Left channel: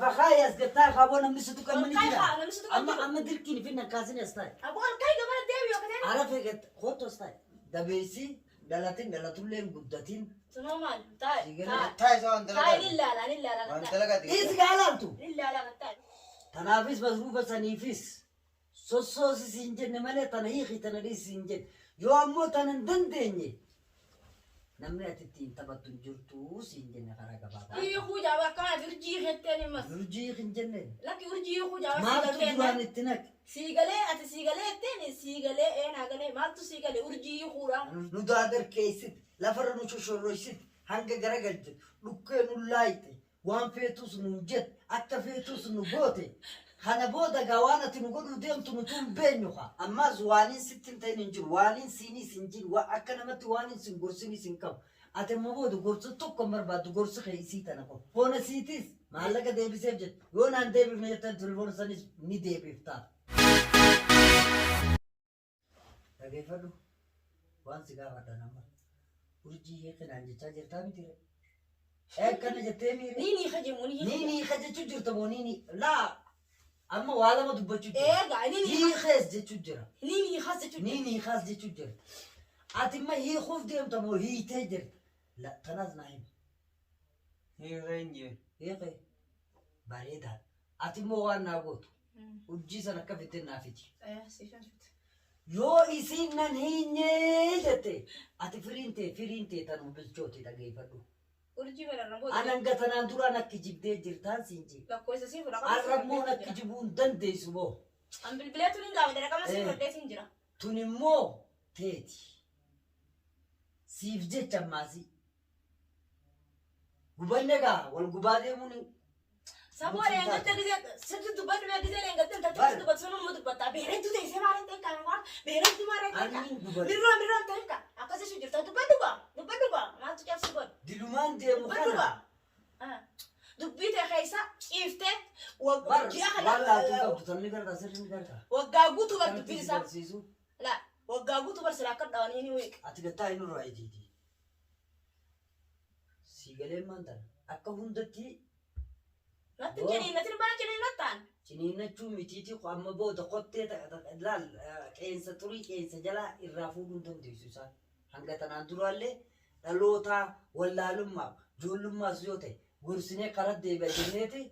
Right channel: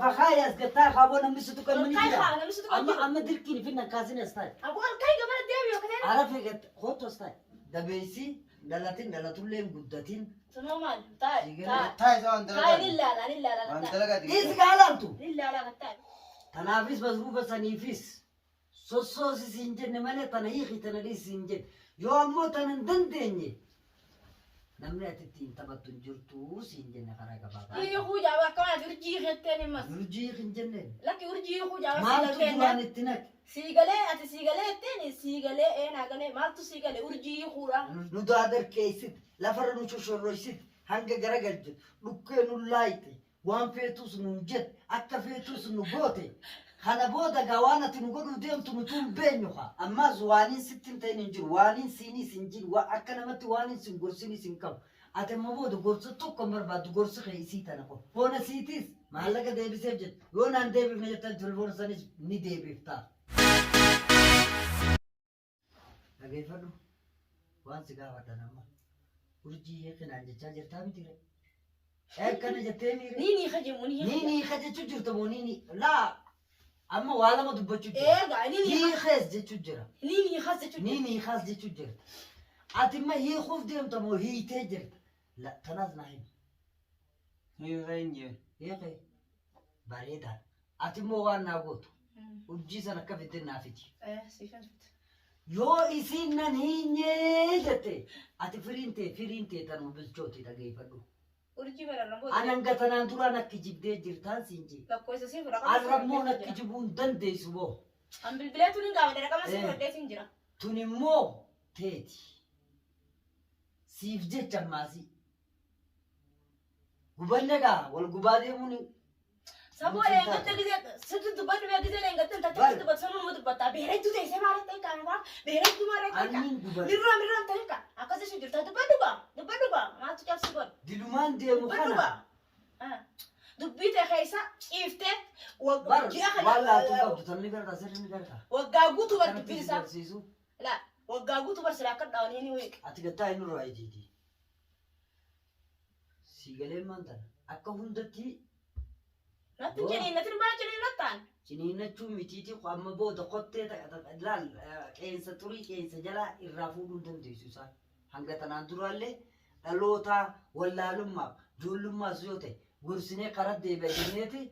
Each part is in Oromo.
فخايس قطع خابونا مسدو كمني كده أما دركيني فينا كازين استاي أقول كاي قبل الدبي وكتير عرفت خطو استاي دبيسي دلاتين لين قدتين تمام تاي تاي زون تاي لا انت لقيت إيه قالنتو لا تاي تنافس مظروفة سنيفيس سوسوس سينجن مالي تنهيخي تنريس سينجن يو أمو تنندندني نمني أتتين تبتن جرتو سينجن خراجة بابا إيه هو جاب كمان يرجيه التاني ما يرجي خنجن لكن يرجيه هو جاب ما تدوان التنك سيجالي أنت سيجالي التاني سيجالي إيه ناقلي ما تسيجالي يرجيه خورا ندادر كيسد لفر نشوشو رويسد هنگا غرقل لكينو لايتي وان فيتوس نجد أكا فيتوس نبوتي خانا بودا غوانا تنقلو ديم تنتون بينيوخا أما زوانين ستين تينجر وانين سيني سنجر وأكا نمت وانين سنقرسيني سنكم أتما بودا قرص توقع مرباد قرص خيسي تنقو فونا سيتيس محلقة ديبي سيبجد يونان ديبي فنجتان تلفون سانيس ني ديبي فتار كيف له وان سيجا فتانا urjii kanaan jechaa jirtaa miti re akkana jettee nini khajimuni nini khajechuu jirta moo nini laa amma waa lama dubbachuu jira eega hii khees jechuu jira nini khas jechuu nini khaas jechuu jira ati ma hii khuuf deemta moo hiitee jirta la tanaas naa himi هي hii khee bareedaa ati moo waan naa gootu urjii sana akka fiddeen naa fiti sifan yoo isiin nan hinyee jette ati firiintee tanuu bilchooti dhageeffadhu. urjii bararramuu Ananga tanaan duraan akka jibdee jirtaan siin jee. lakkoofsa siin fudhaqaa Arrabmoon akka jibuu hin dandeessu moo. an bilbilee tun hin gaafate dhaqama siin fudhadhee siin jira Tun immoo teeti. Siif jecha ammaasii. Gubanne gaa wal gubaa deemuun saboo leengatte gisee sitti dubbanni bee gisee leengatte tattee dubbatte sama mu dubbatta beerentu teessee maaliin ta'e qaama beerentu maaliin ta'e Aniin guban. mirraan ta'e ka akkasii sun jirta dubbadhu gaa maaltu cabsi godhe Dilumaan deemu kana. dubbii ta'e keessa ciiftee Waan laatu qabdu tanni gartaa sirri ni gartaa. waggaa guutuu bar dubbii Kanatti isaa barsiisu. waggaa guutuu bar silaa akka dhaawanii ni weeqa Ati gattaa hin nurraa ijiiti. Siigaleen maantana akka hundatti natti jeniinnatin bara jeniinnattaan ciniinnachuun mitiitii amma booda qottee laal qeensa xurii qeensa jalaa irraa fuudhuu dandeessu isaan hanga tanaan duraallee dhalootaa wallaalummaaf ijoollummaas yoo ta'e gorsinee karaa deebi'a jenneeti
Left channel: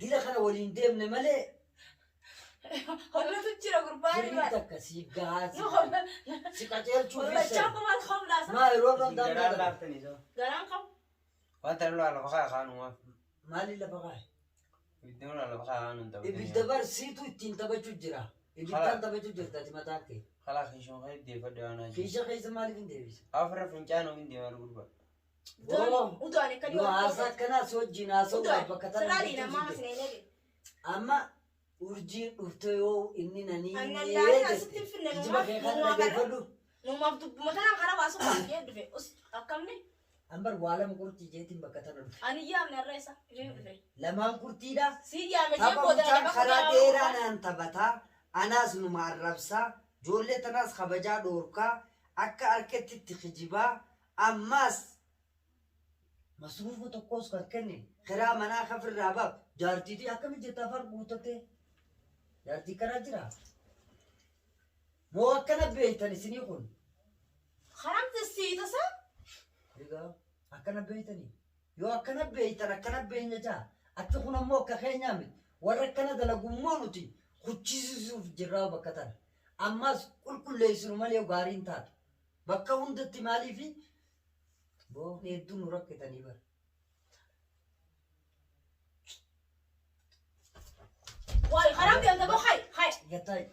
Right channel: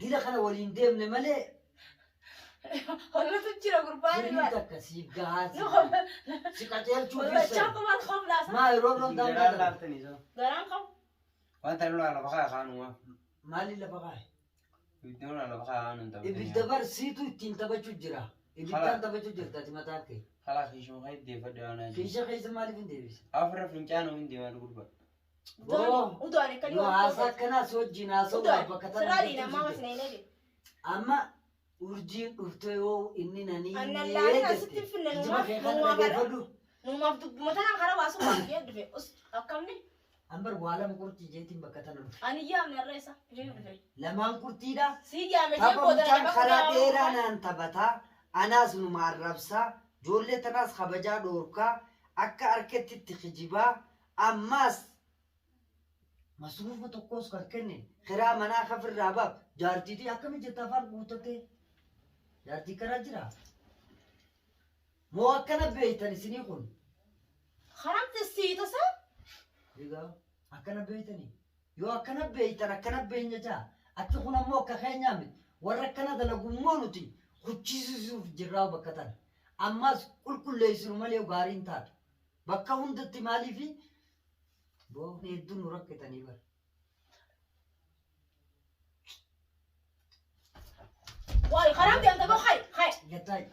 dila kana waliin deemne malee hollatu jira gurbaan firii takka siif gahaa si qaceelchuu wallachaa kumaal homlaasa maa yeroo roon garaan qabu وانت لو على بقى خانوا maali lafa kaa'e يدون على بقى خانوا انت ibidda barsiitu ittiin taphachuu jira ibiddaan taphachuu jirtaati mataan kee خلاص يشون هاي دي فدا انا kiisha keessa maaliif hin deebise افر فنجان وين دي ما نقول udoon akka yoo haasaa akkanaas wajjin haasa'uudhaaf bakka siraalii tana namaa sineenee amma urjiin dhufte yoo inni nanii annallaan asitti finne ijima kee kan dhageeffadhu numaaf dubbuma tanaan karaa baasuu baay'ee dhufe akkamni ambar waa lama qurxii jeetiin bakka tana dhufe ani yaamne irra isa ishee dhufe lamaan qurxiidha sii yaame jee tapha booda mucaan karaa dheeraa naan taphataa anaas numa arrabsaa ijoollee tanaas kabajaa dhoorkaa akka harkatti itti kijibaa ammaas masruufa tokkos kan kenne kiraa manaa kafirraa baaf jaartiitii akkami jetta afaan guutatee jaartii karaa jira moo akkana beeytan isinii kun karamte sii tasaa egaa akkana beeytanii yoo akkana beeytan akkana beenya jaa achi kun ammoo akka keenyaa miti warra akkana dalagummoo nuti kuchisiisuuf jirraa bakka tana ammaas qulqulleessinu malee gaariin taatu bakka hundatti maaliifi boon hedduun nu rakkatanii bara waay karamte anta boo hay gattaay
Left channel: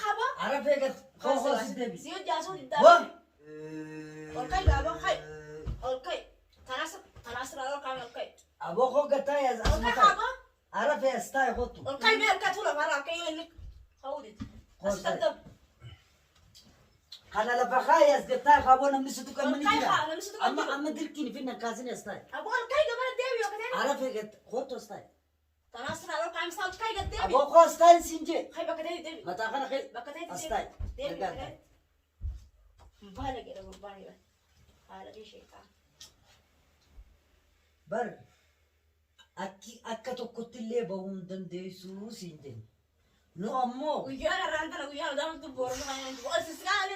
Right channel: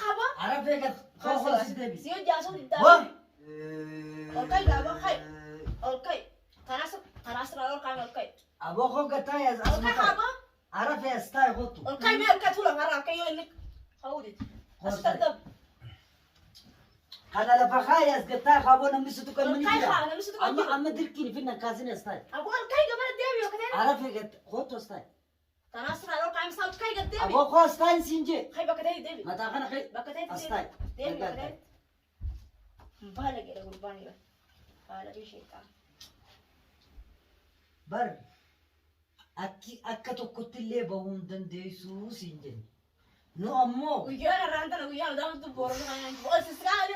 kaba arafee gat kookoosis deebi sii jaasuu waan diddaa olkay gaaba hay olkay tanas raadol kaan olkay aboo koo gattaay olkay asuma kaba arafee as taa'e kottu olkay mee olkay tula maraa olkay yoo inni hawdit astartab kana lafa kaayee as gattaay kaaboo namni situ kan mini olkay jira kaa namni situ amma dirqiin finna kaasini as taa'e abo olkay gabara deebi yoo katee arafee gat kottu as taa'e tanas raadol kaan saa olkay gad deebi aboo koo as taa'e siin jee hay bakka ta'e deebi mataa kana kee bakka ta'e as taa'e deebi nagaa bakka taa'e ta'e baala jedha gurbaan yoo haala ishee kaa bar akka tokkotti illee bahuu hin dandeessu siin jenna. Nu ammoo guyyaa irraan tana guyyaa udaan boorama kan osisraa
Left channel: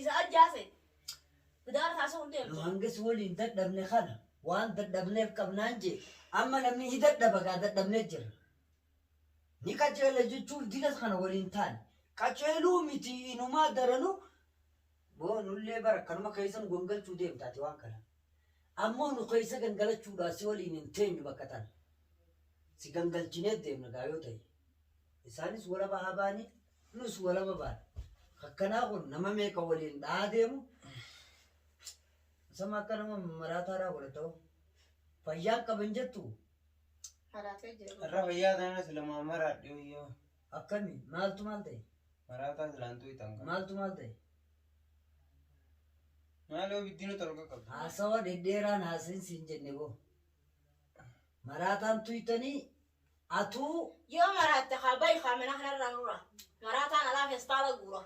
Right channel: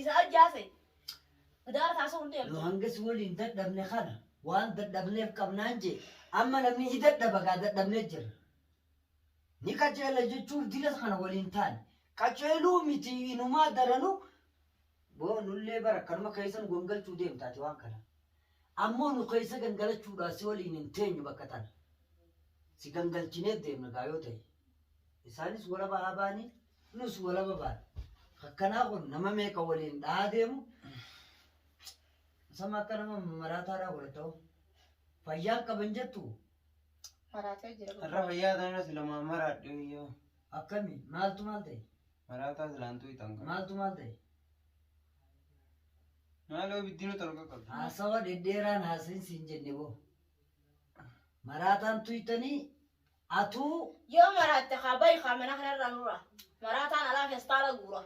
isa ajjaase gudaara taasoo hundee nu hangas waliin dadhabne kana waan dadhabneef qabnaan jee amma namni hin dadhaba gaa dadhabnee jira. Ni qajeela jechuuf dinas kana waliin taane qajeeluu miti inumaa daranu boonullee bara kanuma keessan gongalchuu deemtaati waan kana. Ammoo nu keessa gangalachuudhaa si waliin hin teenyu bakka tana. Si gangalchinee deemna gaa yoo ta'e. Isaanis walaba haa baanii nus walaba baana. Akkanaa kun nama meeqa waliin dhaa deemu. Sama akka nama maraataadhaa godhe ta'u. Fayyaan qaban jettu. maraatee jira Har'a fayyaa ta'ina silama maraadhe yoo. Akkami maaltu maal ta'e? Maraataa silaantuu itti hanga. Maaltu maal ta'e? Maaloo biddiinu tolka qabda. Haasawa dhedheeraan haasa'iin siin jenne boo. Maraataan tuytanii atuu yoo maraatte kaabai kaamina kanarraa nurra maraataan alaa feestaala guura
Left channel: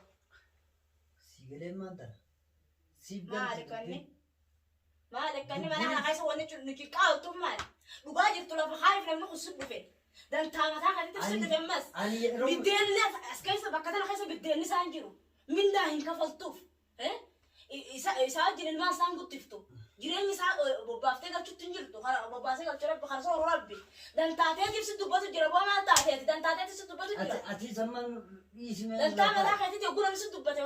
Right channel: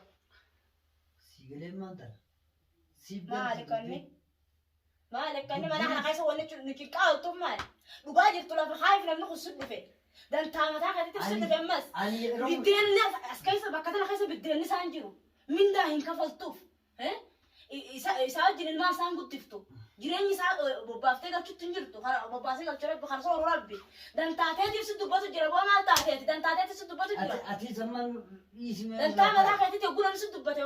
sigaleen maal ta'a? maali kanni mana kana keessa wanni nu ciqqaawtu maali dhugaa jirtu lafa haayif namni kun sun dhufe dantaa mataa katitti sun dhufe ammas biddeenni as keessa bakka tana keessa biddeenni isaan jiru mindaa hin kafaltuuf isaa wajjin ilmaa isaan guddiftu jireenyi isaa bobbaaftee galchuutti hin jirtu bobbaasee galchuu rabbi kan sooruu rabbi dantaateetiif si dubbatu jira boo maal taateeti dantaateetiif si dubbatu jira ati zamman dhiisime dantaa mataa keetitti oguu namni si dubbate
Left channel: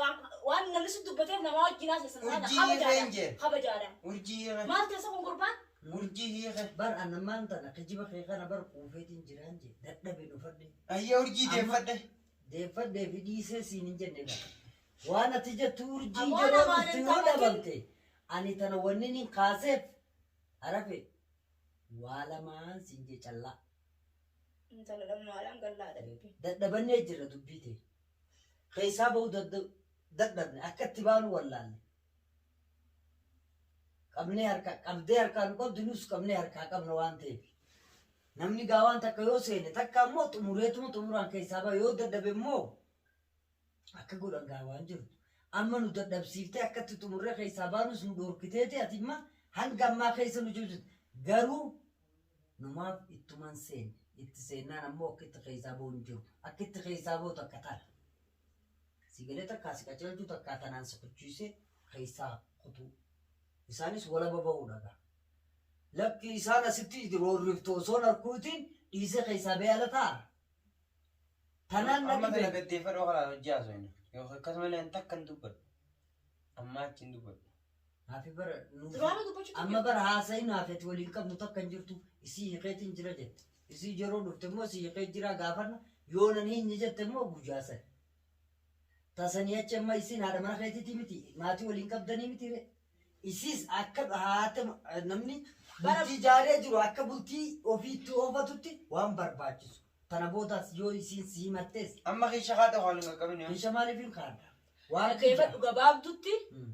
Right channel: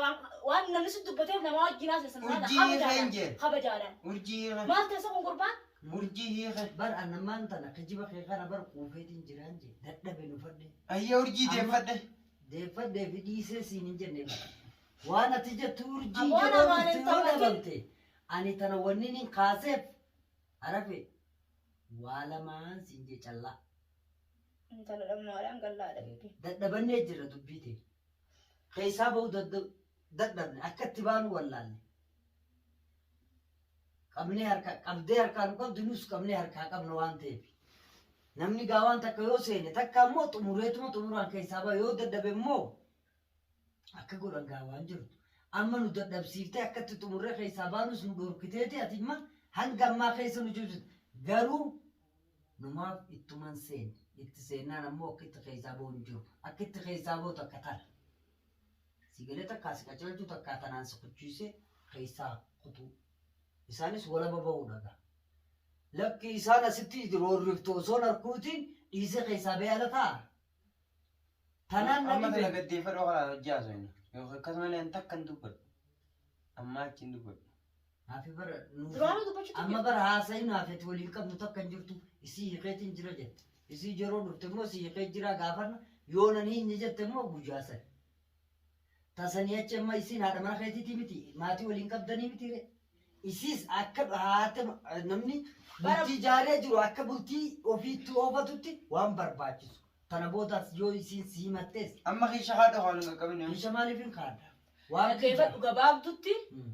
waan namni si dubbateef nama wajjin haasa'e kabajaadhaan Urjii hiiqe. maal teessa kun gurbaan Urjii hiiqe. bar annamaan tana kijiba kee kana bar quufeetiin jiraan jee dadhabe dhufadhe Ayyaa urjii deeffadhe. deeffadhee fi dhiisee siin hin jenne bara. Waan ati jettu urjii Ammoo yeroo namaan dhufti hin yoo taphatin. dhabamte ani tana wanni hin kaaseef arafe waa lamaan siin jee callaa intala dhamnaadhaan gallaadha bibbi dadhabannee jira dubbii ta'e keessaa bahuu dadhabne akka itti baanu wallaalle qabnee harkaan qabdu nus qabnee harkaa qabna waan ta'eef namni gaawaan takka yoo seene takka ammoo xumureetuma xumuraan keessaa bahu yoo dadhabe immoo akka godhan gaawaan jirtu amma nu dadhabsiiftee akkatti xumurree keessaa baanus nu dhorkiteeti ati imma hanga ammaa keessa nu jirtu garuu numaaf ittuman seene itti seennaan ammoo akka itti keessaa bahu hin jiru akka itti keessaa bahu takka tana sigalee takkaa si qaceelchuu takkaa tanaan sochochiisee keessaa kutuu isaanis walaba bahuu dhagaa lakki isaan asitti roorriftu osoo narkuutiin dhiisee keessaa beela ta'a tanaan Amma namni kana gaddeeffadhu kana hojjaa soina. Yookaan akkasumallee hin takka hin dubbadhu. Amma achi hin dubbadhu. Hafi bara duraanii dubbachuu amma bara haasa'in haafeeti waliin qabnu takka hin jirtu isii hiikeetiin jira jette isii yeroo dhufte immoo isii hiikee jira gaafanna yoo nan hin jette immoo gujaasan tasanii achi amma isiin haadha mana keetiiti miti maatii waliin qabdanii miti re isiis akka haate namni bultii jaaree jiru akka bultii ofiitti oofatutti waan barbaachisu tana boodaas yoo isiin si himattees Amma keessa haadha haalli qaqqabine. isha maaliif hin kaadha waan keeffadhu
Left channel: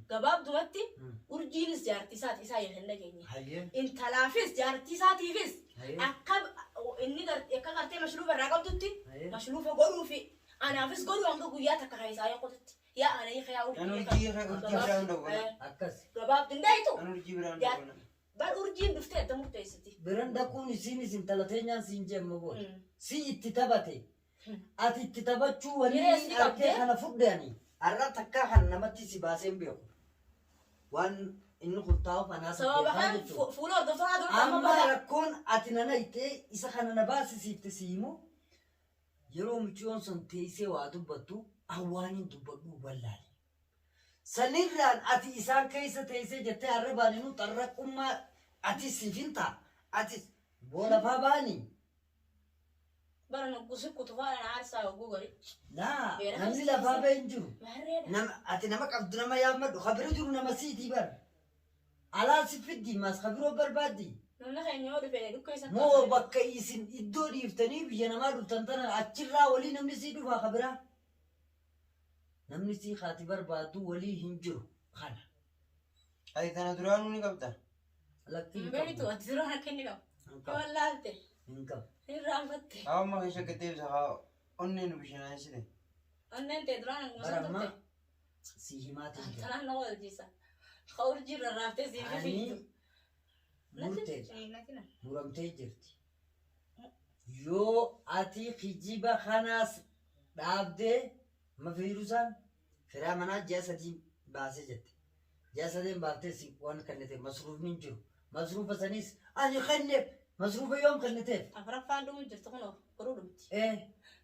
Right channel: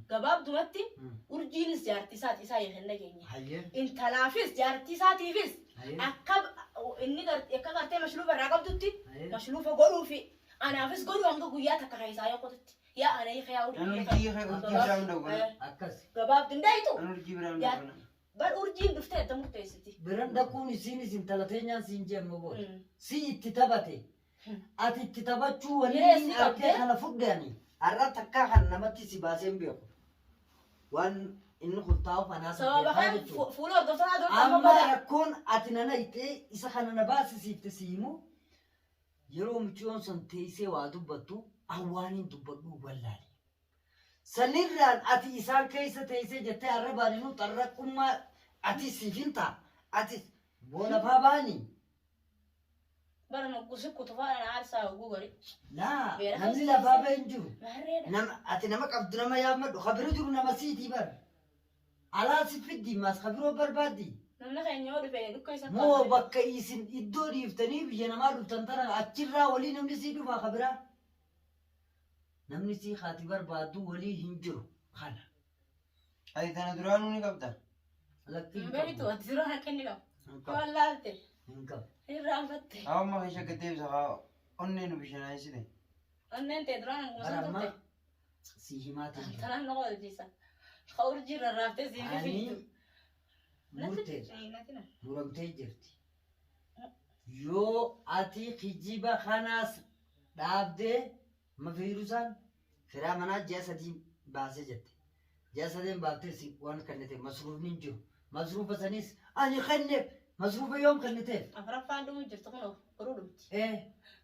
gabaabdumatti urjiinis jaartii isaati isaa hin dhageenye hayyee intalaafis jaartii isaatiifis hayyee akka inni akka gartee mashruufa irraa qabdutti hayyee mashruufa godhuufi anaafis godhu hanga guyyaa takka keessaa yokotutti yaa ana hiika yaa An urjii hiiqe urjii biraa hin dhawwana. akkas gabaabdu hin daayitu An urjii biraa hin dhawwana. bar urjiin dhuftee adda murteessiti biran dhaquun isiinis intala teenyaan siin jeemma goone si itti taphate ati itti taphachuu wanni Jireessi artee qabdee? kana fudhani har'a takkaa kan namatti si baaseen beeku waan inni kun taa'uuf anaa sababa sabbeekaa kan jechuudha. fuula hordoftotaa dura Amma qabama rakkoon ati nana ittee isa kana na baasisiifte siimu yeroo michoon sun teessee waa dubbattu awwaaniin dubbadhuu wallaale. Sanirraan ati isaan keessa teessee jettee har'a baaninu xarraqummaa ati siifin ta'a ati boolafaa baanii. bara nuggusi kutufaadhaan aarsaa oguu gari Naa Beera namni keessa lafaa teessee. ba'e hin jiru. maharreedha Ati nama qabdu nama yaammadhu kabira jiru nama siitii bar. Alaa si fiddi mas kabiroo barbaaddi. namni keenya yoo dhufe dhukka isa Moo bakka isin iddoo dhiiftanii biyya namaa dhuftan tana achirraa walii namni sii dhufa kabiraa. Namni sii haati barbaaddu walii hin jiru kana. Ati tana duraanuu ni qabda. Lakkii hin beenitu qabu. ati dura harka inni qabu Hin qabu. wallaalte Hin qabu. irraanfatte Amma keessa gaddeebisa haa onnee nu bishanaasite. onneen ta'e duraan Bara musa ammaa turte si himaatiin jira. tanaan nama wajjisa ka urjii rarraaftee sii Ani fifiitu murtee muramtee jirti. yoo ati kijiba kanaas dhaabdee ma fiirusaan firaa manaa ji'a sadii baasee jette. Ji'a sadeen baaftee si waan kennite masruufni hin jiru. Masruufa sanis ani kenneef masruufa yoom kenniteef? Afuraffaan dhumu jirtu kunoo boruu dhumti.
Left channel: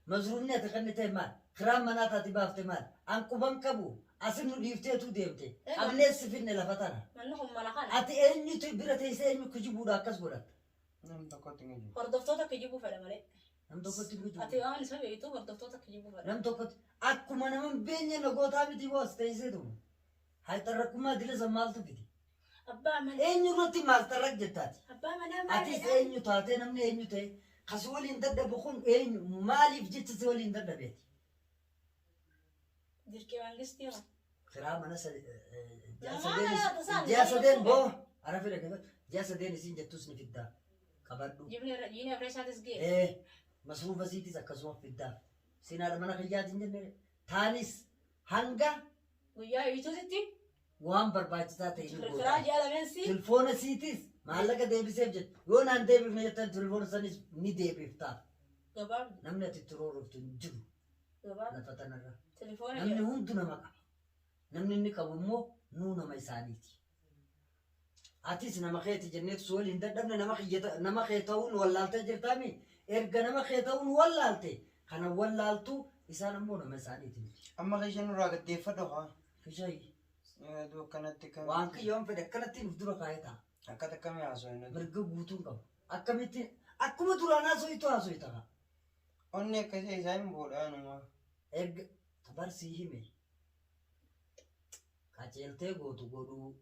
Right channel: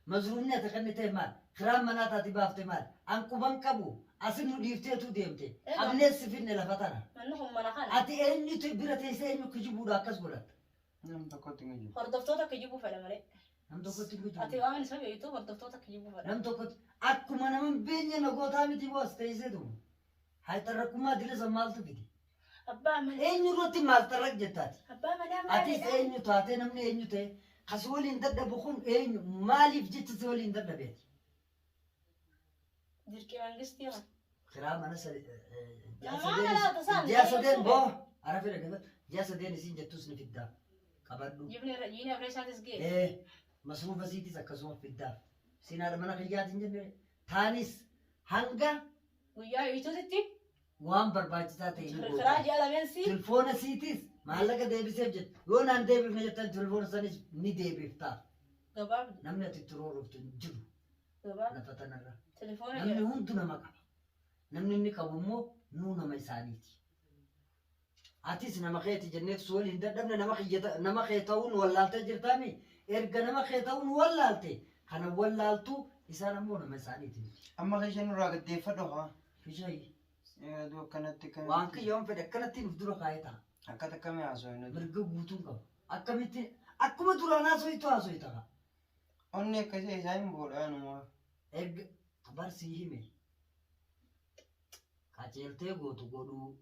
Masruufni ati kenniteef maal? Firaan manaa taati baafte maal? An quban qabu asin nu dhiifteetu deemte. Abnees si finne lafa tana. Manni kun mana kana. Ati eenyutu bira teessee eenyu kijibuudha akkas godhatta? Nam tokkotti hin jiru. Hordoftoota kijibuu fedha malee. Nam tokkotti hin kijibu. Ati waan isa beektu hordoftoota kijibuu fedha. Nam tokkotti akkuma nama hin beekne nagootaa miti boos teesseetu. Haa xarraqumaa dilisa maaltu fiti? Abbaa manaa. Eenyu irratti maal xarraq jettaati? Abbaa manaa maal Atis eenyu taatee namni eenyu ta'e kas waliin dadhabu kun eenyu maaliif jecha si waliin dadhabeeti? Dirqee mangistii haa. Kiraa mana Jamaa ji'a sadeen boo ara fedha gaba ji'a sadeen isiin jettus ni fiddaa qabadhu. Jibni irra isaatis ga'e. Masruufa siitis akkasuma fiddaaf. Sinaadha mana kiyyaatiin jenne taanis hanga Guyyaa hiituusitti. waan barbaachisaa ta'e ni Firaa ji'a lameen si. Tilfoona siitis maallaqa deebiseef jettu yoo naan deebifne jettan tilfoona sanis ni deebiftaaf. Gabaabni. Namni ati itti roorroftu hin jiru Gabaabni. lafa tanarra. Telefoona Namni jedhama. hundu nama qaba. Namni inni qabu immoo nuu nama isaaniiti. Atis nama keeti jenneetu si waliin dadhabne nama kee ta'uun wallaaltee jirtaami. Erga nama kee ta'uun wallaalte kana wallaaltu isaan ammoo nama isaaniiti miti. Amma keeshan nurraa gaddeeffadhu haa. Fishayi Aduu akkanatti kan. waan kiyyoon fedhe akkanatti nuuf dura kaa'ee ta'a. Akkata akkamii haasawin. Mirga guutuun qabu. Akkamitti akkuma duraan haaso'itu haaso'i ta'a. Onni akkasii isaa hin boodhaanuma. Erga barsii hime qaceeltee gootu godhuu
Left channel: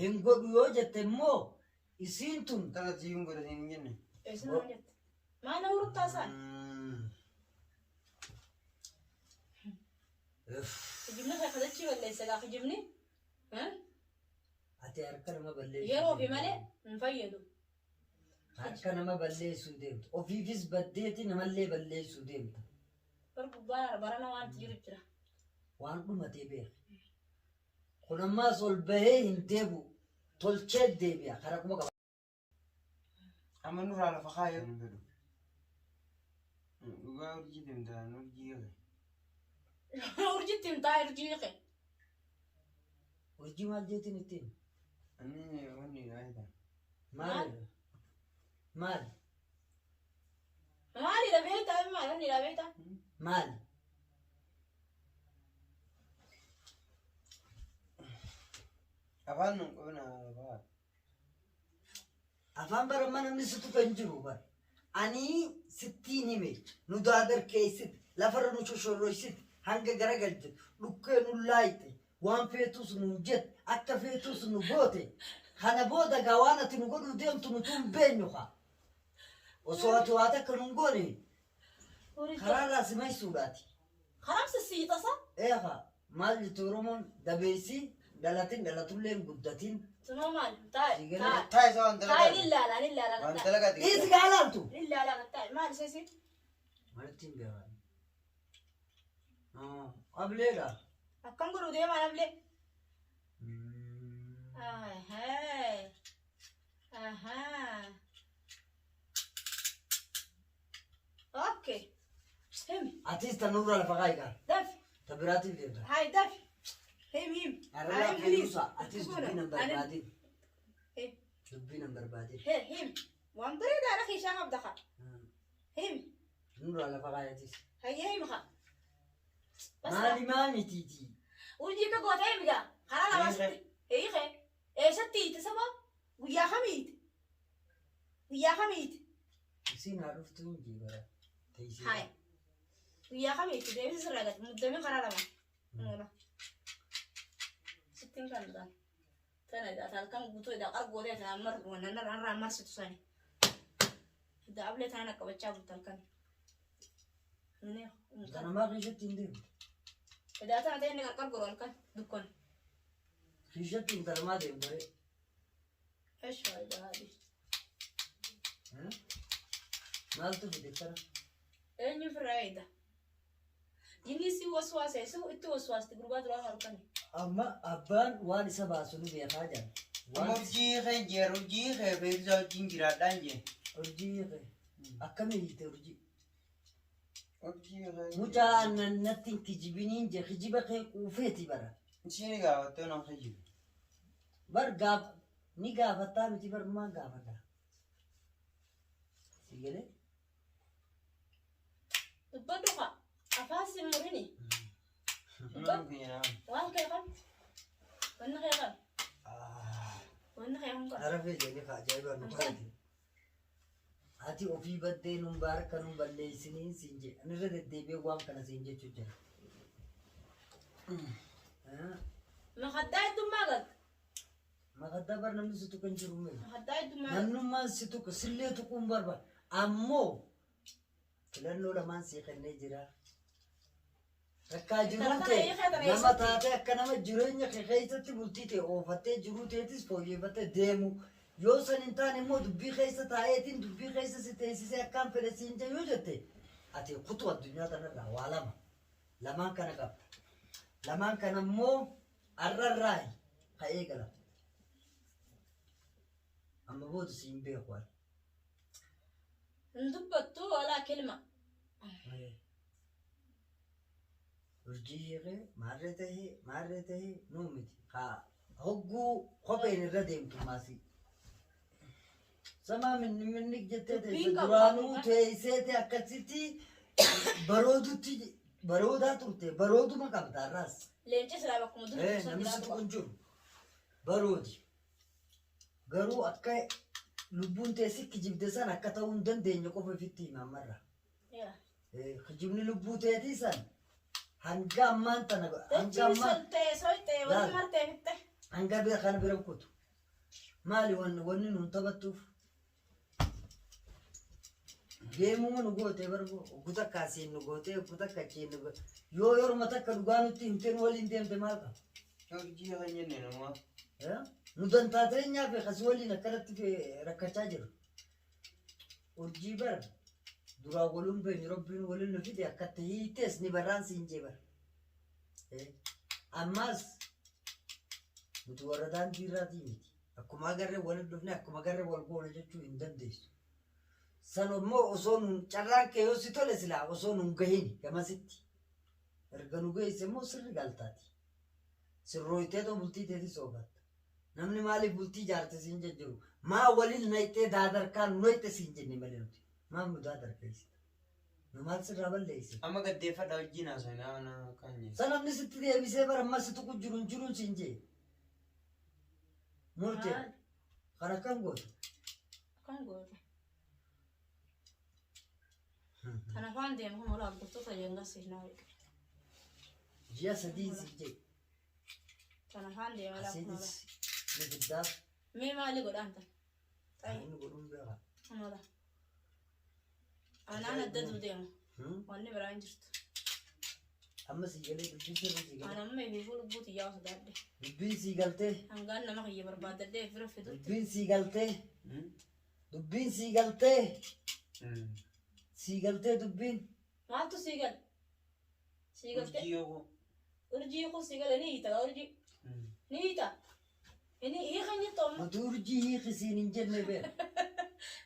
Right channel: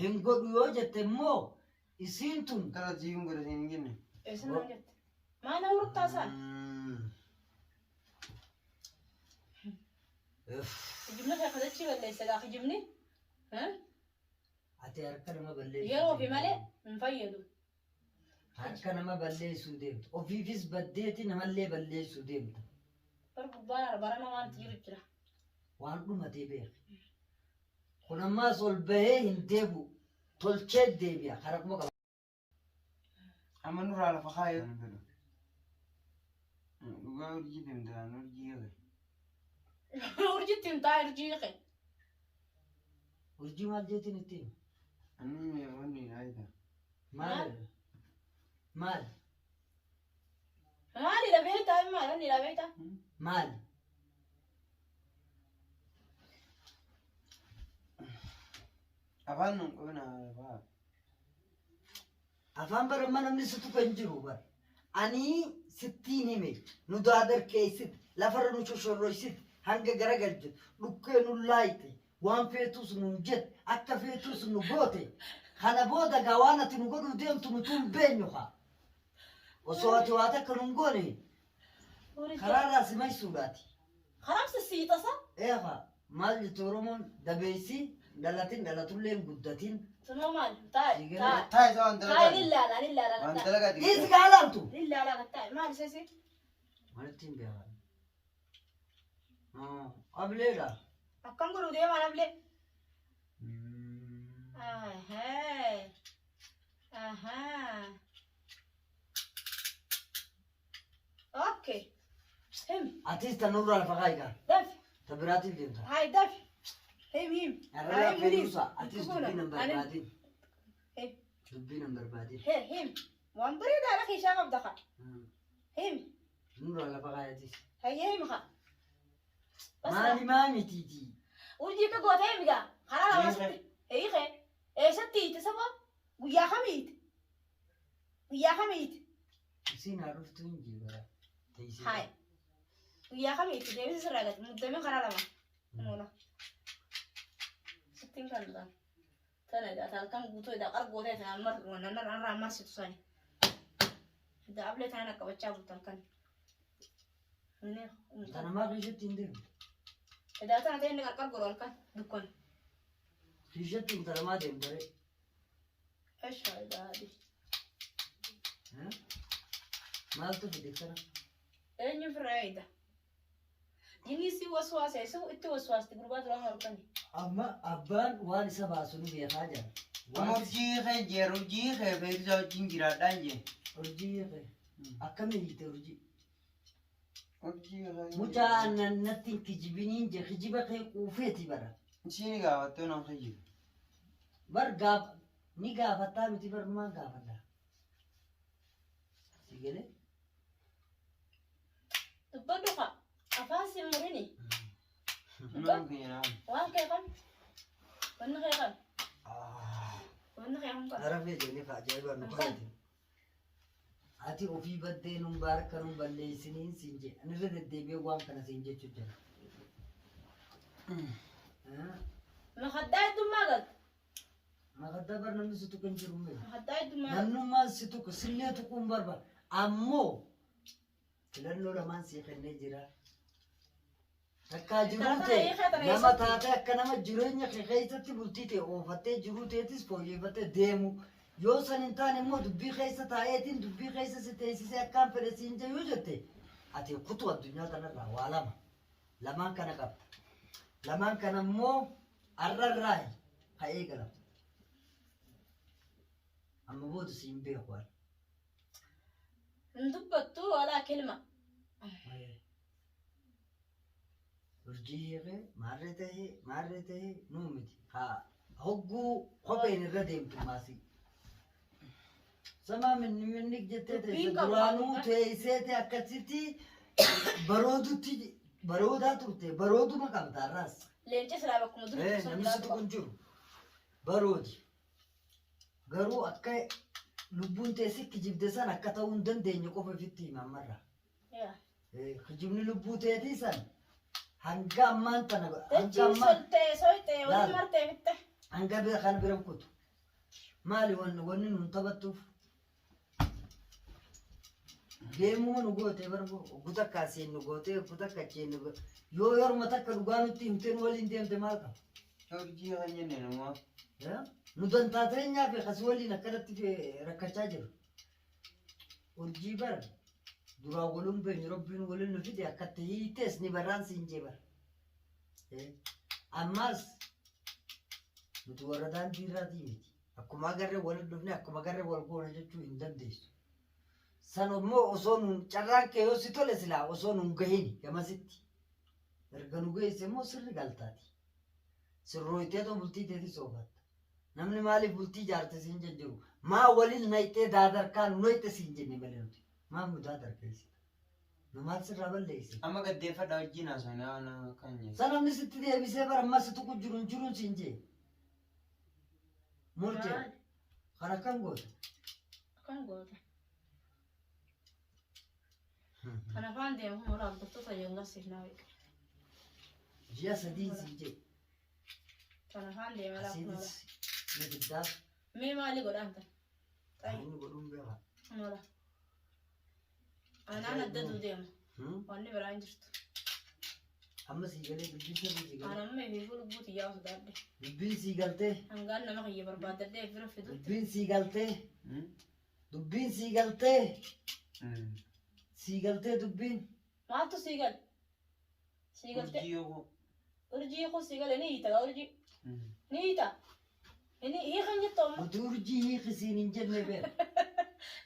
hin godhu yoo jette immoo isiin tun Akkata jiruun godhatiin hin jenne. Eessin maal jette? Maal nama hurtaa isaan? Jibni kan akkasatti balleessa gaafa jibni. ati harka nama balleessu Yeroo fi malee hin fayyadu. harka nama balleessuu deemtu ofiifis baddeeti namallee balleessuu deemta Bar gubbaa barana waanti jiru jira. waan dhumatee beeka kun ammaas ol bahee hin deebu tolchee deebi'a karaa kuma qaba. Amma nurraa lafa kaayoo. Dhugaa urjii deemtaan urjii eege. Urjiitti hin taa'e urjii eege. Urjii maal jeetiin itti hima? Ani onni dhaayita. Maal? Maal? Maali dhabee taa'e maali wanni dhabee ta'a? Maal? Afaan nun qabna afaan. Afaan barammaa namni situ kan jiru bar. Ani sittiin hime nu daadar keessit lafarra nu shoshorroysit hanga garagalchit dhukkee nu laayite waan feetus nu jet akka feetus nu goote kana booda gaa waan ati nu godhuu deemtu nu tun beenyu haa. Osoo ati waa takka nu hin goone karaarraa si maysuudhaati. Karamsi siitasa? Eefa maal jettu Oromoon dabeessi dhalatin dhalatullee hin guddatin. Tuma maal? Taa'e. Taa'e isa waan Taa'e dalagaa. lillaalaan lillaalaan Waan taa'e. dalagaa Dhiisi ta'e. gaalaaltu. Lillaalaan taa'e maal isheesi? Maaltu hin beekan? Ableedha. Akkam godhu deemaa nablee? Ahee. Ahaa. Okay. Him. Atis tanurraa lafa kaayigaa. Dafi. Ta biraatiif deemta. Hai dafi. Him. Arraa feeluusa atis Dubbii dubbii nan barbaadin. Him. Dubbii nan barbaadin. Him. Waan bareedaadha keessaa qabda kaa. Him. Nurraa lafa kaayatis. Hayyee him kaa. Maali maamitiiti? Urjii ka gootee migaa. Karaa lama sitti. Eeyiqee. Eessatti hiite saba? Guyyaa kamiiti? Guyyaa kamiiti? Isiin haa dhuftu hin jiru. Hai. Guyyaa kamiiti? Deebisi sirraa gati. Muddamee karaa lama. Mula. Sittiin kan dhugaan. Tana edaa halkan guutuu edaa qargootee tanaan marru narraa marsitu sani. Edaa ablee tanaan qabachaa bultu halkan. Tanamaa keessatti hin deemu. Edaa tana ta'e inni qarqar godhu halkan dukkon. Keessatti hin tanamaa deemu bare. Eshaa edaa adii. Maaltu fide kana? Eenyu firraa eeda. Jinni si waswaasa isa itti waswaasti gurbaa duraan halkani. Amma abbaan waan isa baasu nu beekaa jira. Amma urjii kee jeeru urjii kee beeksisa wajjin jiraadhaan jee. Urjii kee. أكمل ترجي urjii kana متى نتين كجبينين جا كجيبك وفيتي برا isheen gaafattee nama fayyadu بر قاب ني قافتا متي بر ما قافتا سيجلي تبدوها أفاسي مريني nama keenya وان كيفن وانا كيفن وانا كيفن عرفي جاني خاجايبا نقايتي ati ofii baddee nun baarka nun balleessiniin siin jee ani irra deddeebi'ee waan kana siin jechuu jira. مخدات دماغك Makaddaa bar namni si tuqan jiru mee مخدات دماغك namnummaan si tuqa sillee tuquun barba ammoo filannoo lamaan sii kennee jira. Takkaa jiruun ta'e nama taatee akka nama jireenya kee keessatti bultii ta'e oofattee jiruu ta'etis fooyyeffattee deemu. Yoo san hin taane immoo dubbii keessa taa'eetiin dubbii keessa si teessisee akkaan fedhe siin jechuu jette ati kutuu addunyaa kanarraa waa lama lamaan kana qabda lamaan kana immoo arrarraa ka'ee gala amma booda siin beeku waan ندبتو ولا كلمة urjii hiikee maarree tahee nuu miti haa hogguu kopheen irra deemtu maasii. Sama minni jettee teesse duraanuu teesseete akkasitti baroodaa turte barooduma qabda arraas. لينجي سلامكم دول Namni si tuqun jiru baroodi. Garuu akka lubbuun teessi kijibde san akka ta'uu hin dandeenye qofa ofitti hima ammarra. Kijibni lubbuu teetii san hanga ammaan tana hanga ammaan hanga bira kana biran kutu. Maali wanni nuun taphattuuf? Geemuma nu gootee barbo guutaa kaasiin nu gootee guutaa kachiin nu gootee yoo yorma takka dhugaa nutti himteen waliin deemte maal qaba? urjii kana jenne namaa Nu dantaateenyaa fi akkasii waliin akkanatti rakkachaa jiru. Urjii bara duraa waluun beenyu rabbiin waliin nu fide akkatti hiitees ni barraan siin jee bara. Ammaas nuti warra daandii irraatii miti. Akkuma agarree waliin dhufne akkuma agarree wal goona jechuu hin dandeessu. San immoo osoo nun carraan kee yoo si tole silaa osoo nun gahin gamasitti. Erga nu geesse immoo sirri galtaati. Sirrooyiteetoo bultii teetis oofatta. Namni maaliif bultii jaarte siin jejjiru? Maa waliin nayxee daadarkaan noyte siin jenne malee nuti. Maa nu daadarkeessita? Nu maal sirraa balleesse? amma gaddeeffadha wajjin haasofnaa kan jedhu San namni sitti deebisee bara ammas si tuqu jiruun siin jee. Murtee kan akkam goota? كم قوة أنا فاندي هم ولا بطوطة ينقص هناك Ji'a sadii siin jee. أنا فاندي ولا Asiitis ni giddaaf مي مالي قد أنت inni godhuun beekaa. ولا أنا ندد وديما وأني براين جرت Amma sii galee dubbiin sirrii sii galee. أنا ما يقول بوتي يا أخي دادي Dubbiin sii galtee. أنا ما هي برباد دادي في رفض Dubbiin sii galtee. Dubbiin sii galtee. Sii galtee dubbiin. ما أنتو سيقل سيقل urjii yoo أرجي يخو سيقل نيتا أرجي نيتا هي خنجة توم Mata urjii hiikisiin hin jenne beeku.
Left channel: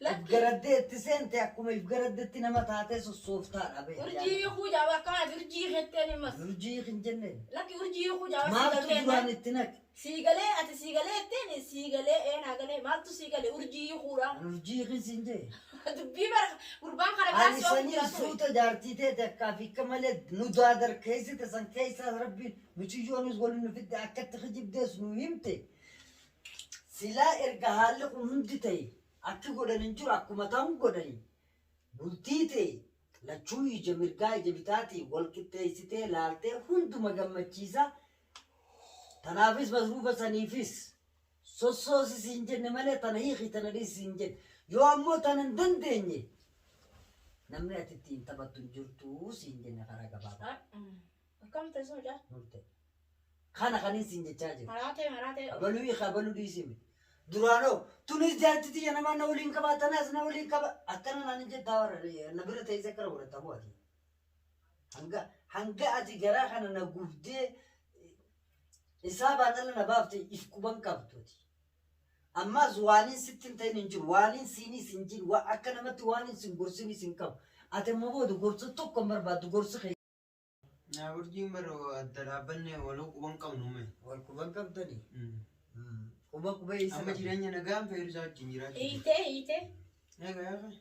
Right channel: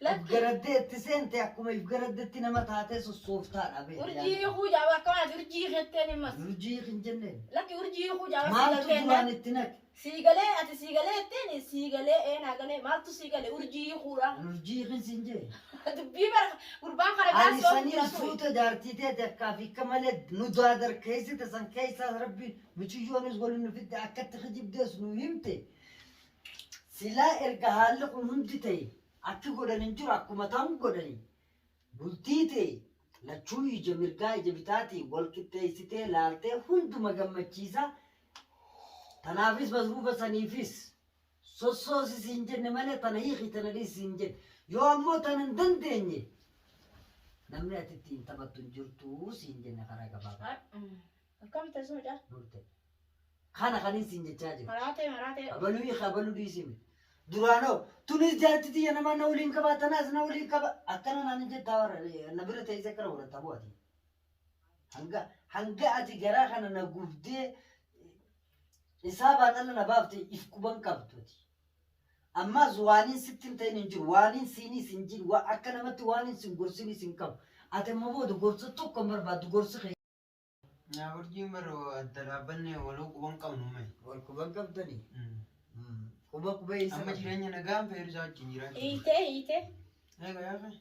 لا If garaddeetti seente akkuma if garaddeetti nama taatee sossooftaadha beeku. أرجي يخو جابا كمان أرجي خدتني مس Urjii hiik hin jenne. لكن أرجي يخو جابا Maaltu duraan سيقل itti naqe? سيقلي أتى سيقلي تاني سيقلي أنا قلي ما أنتو سيقلي أرجي يخورا Urjii hiikis hin jee. دبي بر قربان خرب Ani ناس sanii suuta jaartii ta'e takkaa fi akka malee nu daadar keessite san keessaa rabbiin michiyyoonis waliin nu fidde akkatti kijibdees nu himte. Silaa erga haalli kun hundi ta'e akki godhan hin jiru akkuma ta'an godhani. Bultii ta'e lachuu ija mirgaa ija bitaatii wal qixxeessitee laaltee hunduma gammachiisa. Tanaafis masruufa saniifis sossoosis hin jenne malee tana hiiki tana dhiisi hin jenne. Yoo ammoo tana hin dandeenye namni ati ittiin taphattu hin jirtu siin jenne karaa gabaabaa. كم تسمع جا Murte. Kana kaniin siin jechaa jiru. مراتي Abaluu hiika abaluu dhiisime. Duraanoo tunis jaartiti namaa na waliin qabaa tanaas na waliin qaba. Akkana naan hin jettaa warra na bira teessee akkana godhatta bu'ati. Hanga ati garaa kana na gubdee isaa baadhalla na baafte if quban qabduti. أما زوانين ستين تين جل وانين سيني سنجل وأكنا مت وانين سنقرسيني سنكم أتم مبود قرص توكم برباد قرص خي يا ورجي مرو الدرابني ولو كمان كم نومي والكوبان كم تاني كوبا كوبا يسمع أما جيراني نقام في رزاق جيران إيته أيوة يا أخي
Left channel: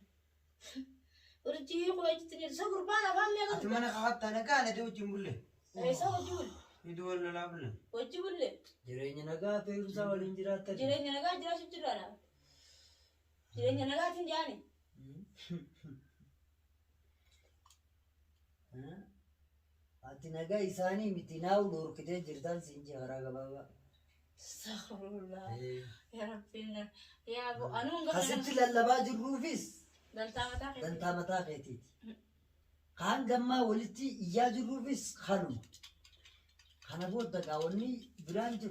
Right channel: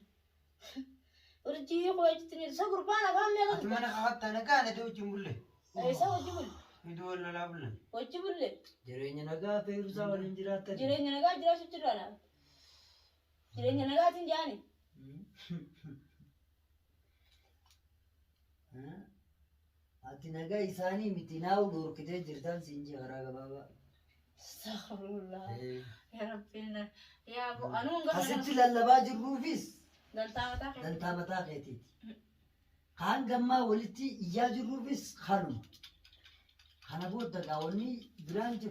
ورجي خوي تني سكر بانا كم يلا أتمنى خاطر أنا كان أدو جملة أي سو جمل يدور لا بلا وجمل جرينا نجا في رزا والإنجرات جرينا نجا جرا شو ترانا جرينا نجا تنجاني أتي نجا إساني متناو دور كده جردان سينجي غراغ بابا استغفر الله يا ربنا يا أبو أنا حسيت للباج الروفيس دنتا دنتا متا كيتي كان جمّا ولتي إيجاد الروفيس خانم خانبود دعوني برانج